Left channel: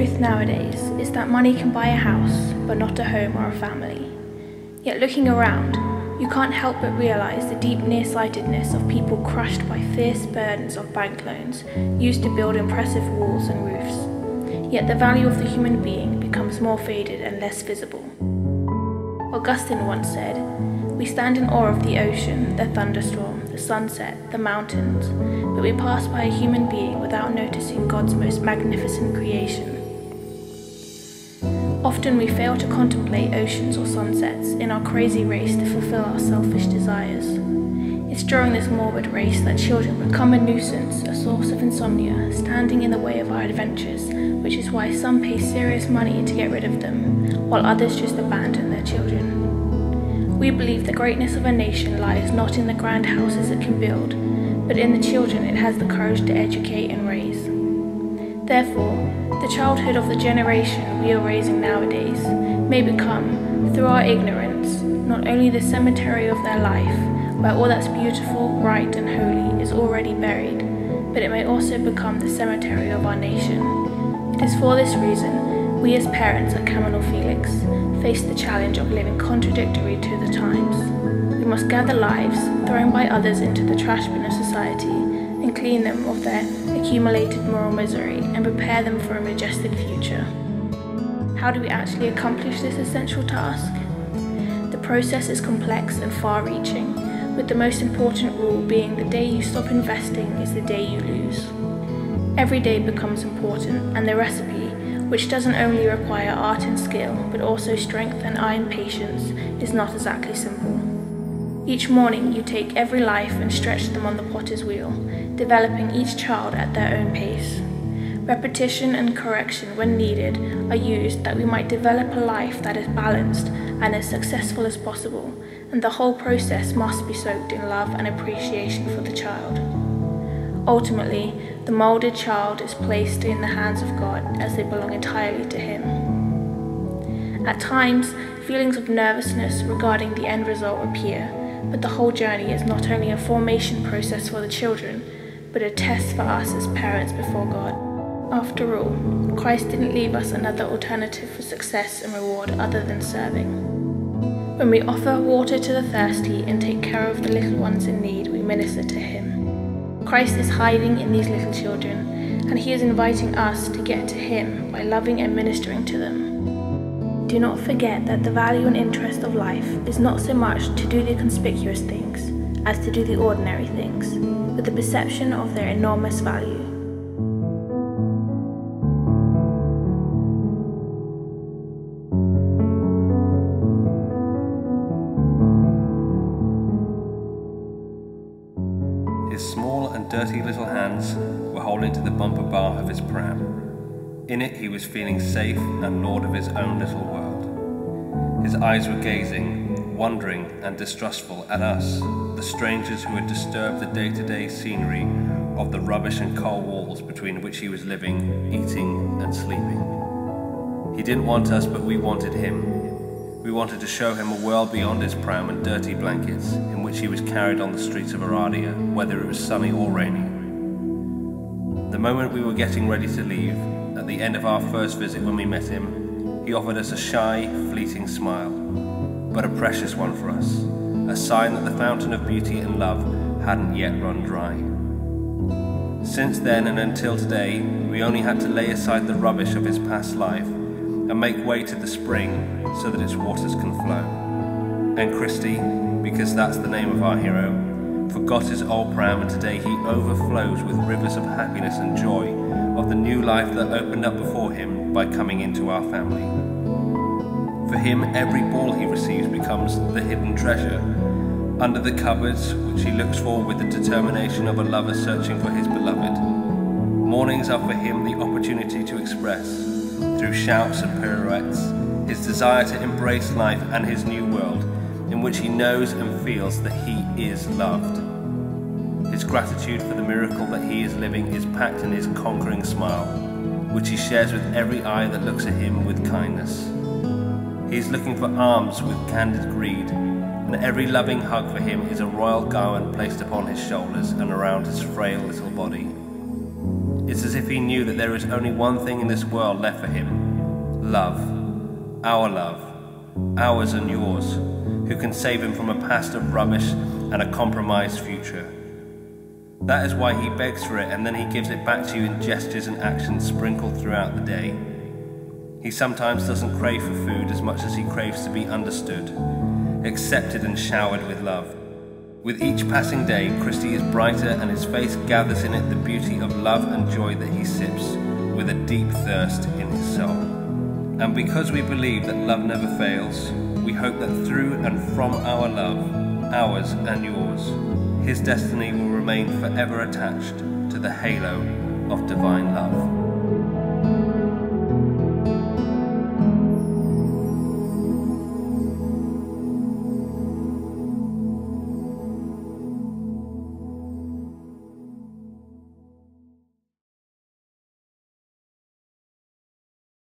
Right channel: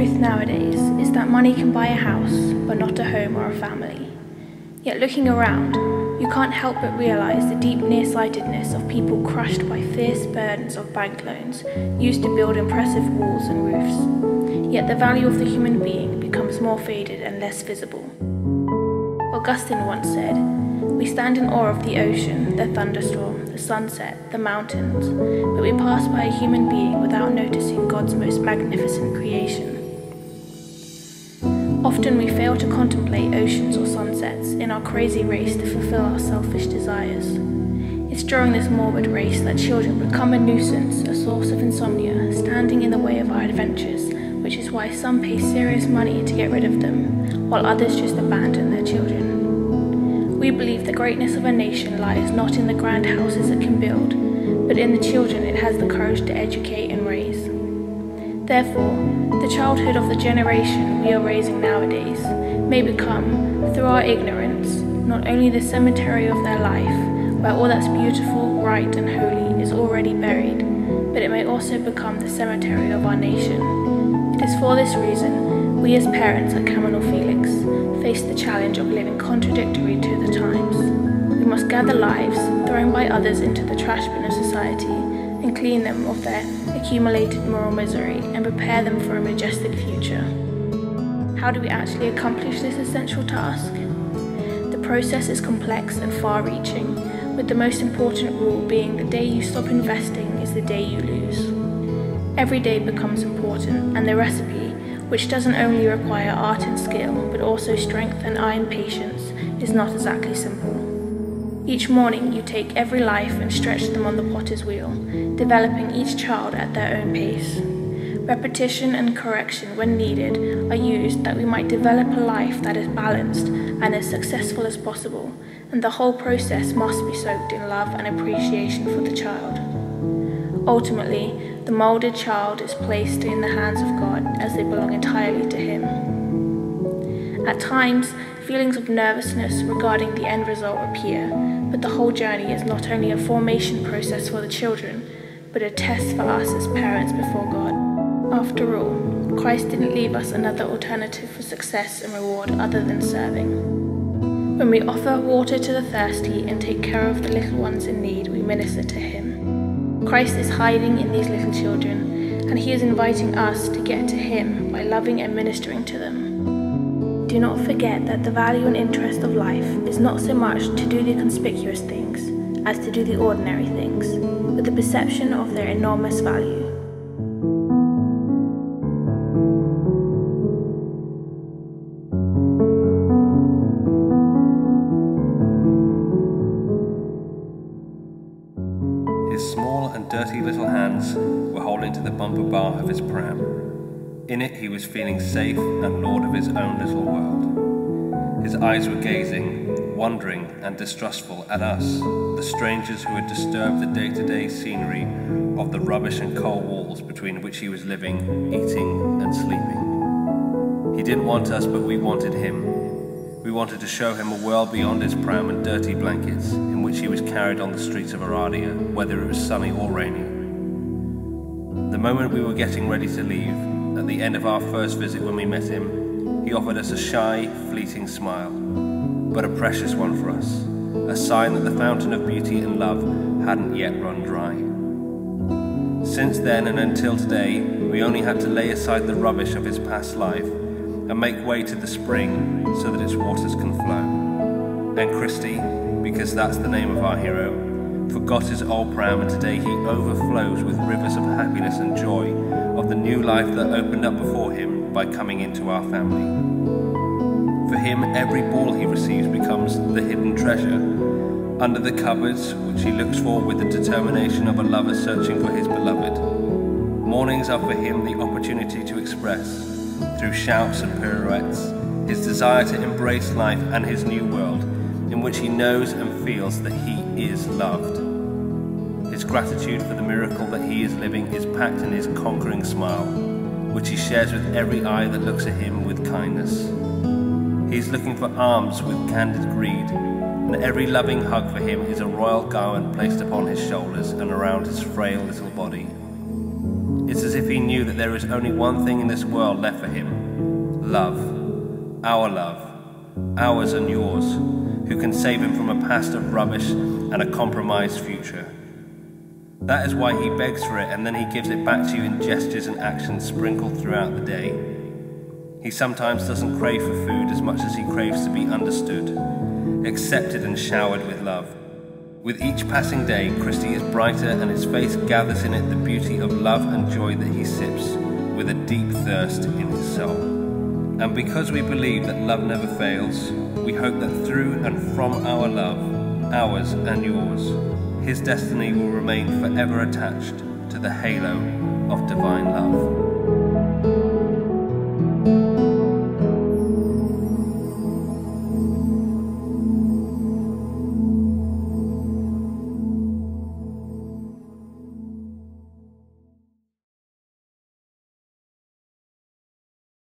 truth nowadays is that money can buy a house, but not a home or a family. Yet looking around, you can't help but realise the deep nearsightedness of people crushed by fierce burdens of bank loans used to build impressive walls and roofs. Yet the value of the human being becomes more faded and less visible. Augustine once said, "We stand in awe of the ocean, the thunderstorm, the sunset, the mountains, but we pass by a human being without noticing God's most magnificent creation." Often we fail to contemplate oceans or sunsets in our crazy race to fulfill our selfish desires. It's during this morbid race that children become a nuisance, a source of insomnia, standing in the way of our adventures, which is why some pay serious money to get rid of them, while others just abandon their children. We believe the greatness of a nation lies not in the grand houses it can build, but in the children it has the courage to educate and raise. Therefore, the childhood of the generation we are raising nowadays may become, through our ignorance, not only the cemetery of their life, where all that's beautiful, right and holy is already buried, but it may also become the cemetery of our nation. It is for this reason we as parents at Caminal Felix face the challenge of living contradictory to the times. We must gather lives thrown by others into the trash bin of society and clean them of their accumulated moral misery and prepare them for a majestic future. How do we actually accomplish this essential task? The process is complex and far-reaching, with the most important rule being the day you stop investing is the day you lose. Every day becomes important, and the recipe, which doesn't only require art and skill, but also strength and iron patience, is not exactly simple. Each morning you take every life and stretch them on the potter's wheel, developing each child at their own pace. Repetition and correction when needed are used that we might develop a life that is balanced and as successful as possible, and the whole process must be soaked in love and appreciation for the child. Ultimately, the moulded child is placed in the hands of God as they belong entirely to Him. At times, feelings of nervousness regarding the end result appear, but the whole journey is not only a formation process for the children, but a test for us as parents before God. After all, Christ didn't leave us another alternative for success and reward other than serving. When we offer water to the thirsty and take care of the little ones in need, we minister to Him. Christ is hiding in these little children, and He is inviting us to get to Him by loving and ministering to them. Do not forget that the value and interest of life is not so much to do the conspicuous things as to do the ordinary things, with the perception of their enormous value. His small and dirty little hands were holding to the bumper bar of his pram. In it he was feeling safe and lord of his own little world. His eyes were gazing, wondering and distrustful at us, the strangers who had disturbed the day-to-day scenery of the rubbish and coal walls between which he was living, eating and sleeping. He didn't want us, but we wanted him. We wanted to show him a world beyond his pram and dirty blankets, in which he was carried on the streets of Aradia, whether it was sunny or rainy. The moment we were getting ready to leave, at the end of our first visit when we met him, he offered us a shy, fleeting smile, but a precious one for us, a sign that the fountain of beauty and love hadn't yet run dry. Since then and until today, we only had to lay aside the rubbish of his past life and make way to the spring so that its waters can flow. And Christy, because that's the name of our hero, forgot his old pram, and today he overflows with rivers of happiness and joy of the new life that opened up before him by coming into our family. For him, every ball he receives becomes the hidden treasure, under the cupboards which he looks for with the determination of a lover searching for his beloved. Mornings are for him the opportunity to express, through shouts and pirouettes, his desire to embrace life and his new world, in which he knows and feels that he is loved. His gratitude for the miracle that he is living is packed in his conquering smile, which he shares with every eye that looks at him with kindness. He is looking for arms with candid greed, and every loving hug for him is a royal garment placed upon his shoulders and around his frail little body. It's as if he knew that there is only one thing in this world left for him: love. Love, ours and yours, who can save him from a past of rubbish and a compromised future. That is why he begs for it, and then he gives it back to you in gestures and actions sprinkled throughout the day. He sometimes doesn't crave for food as much as he craves to be understood, accepted and showered with love. With each passing day, Christy is brighter, and his face gathers in it the beauty of love and joy that he sips with a deep thirst in his soul. And because we believe that love never fails, we hope that through and from our love, ours and yours, his destiny will remain forever attached to the halo of divine love.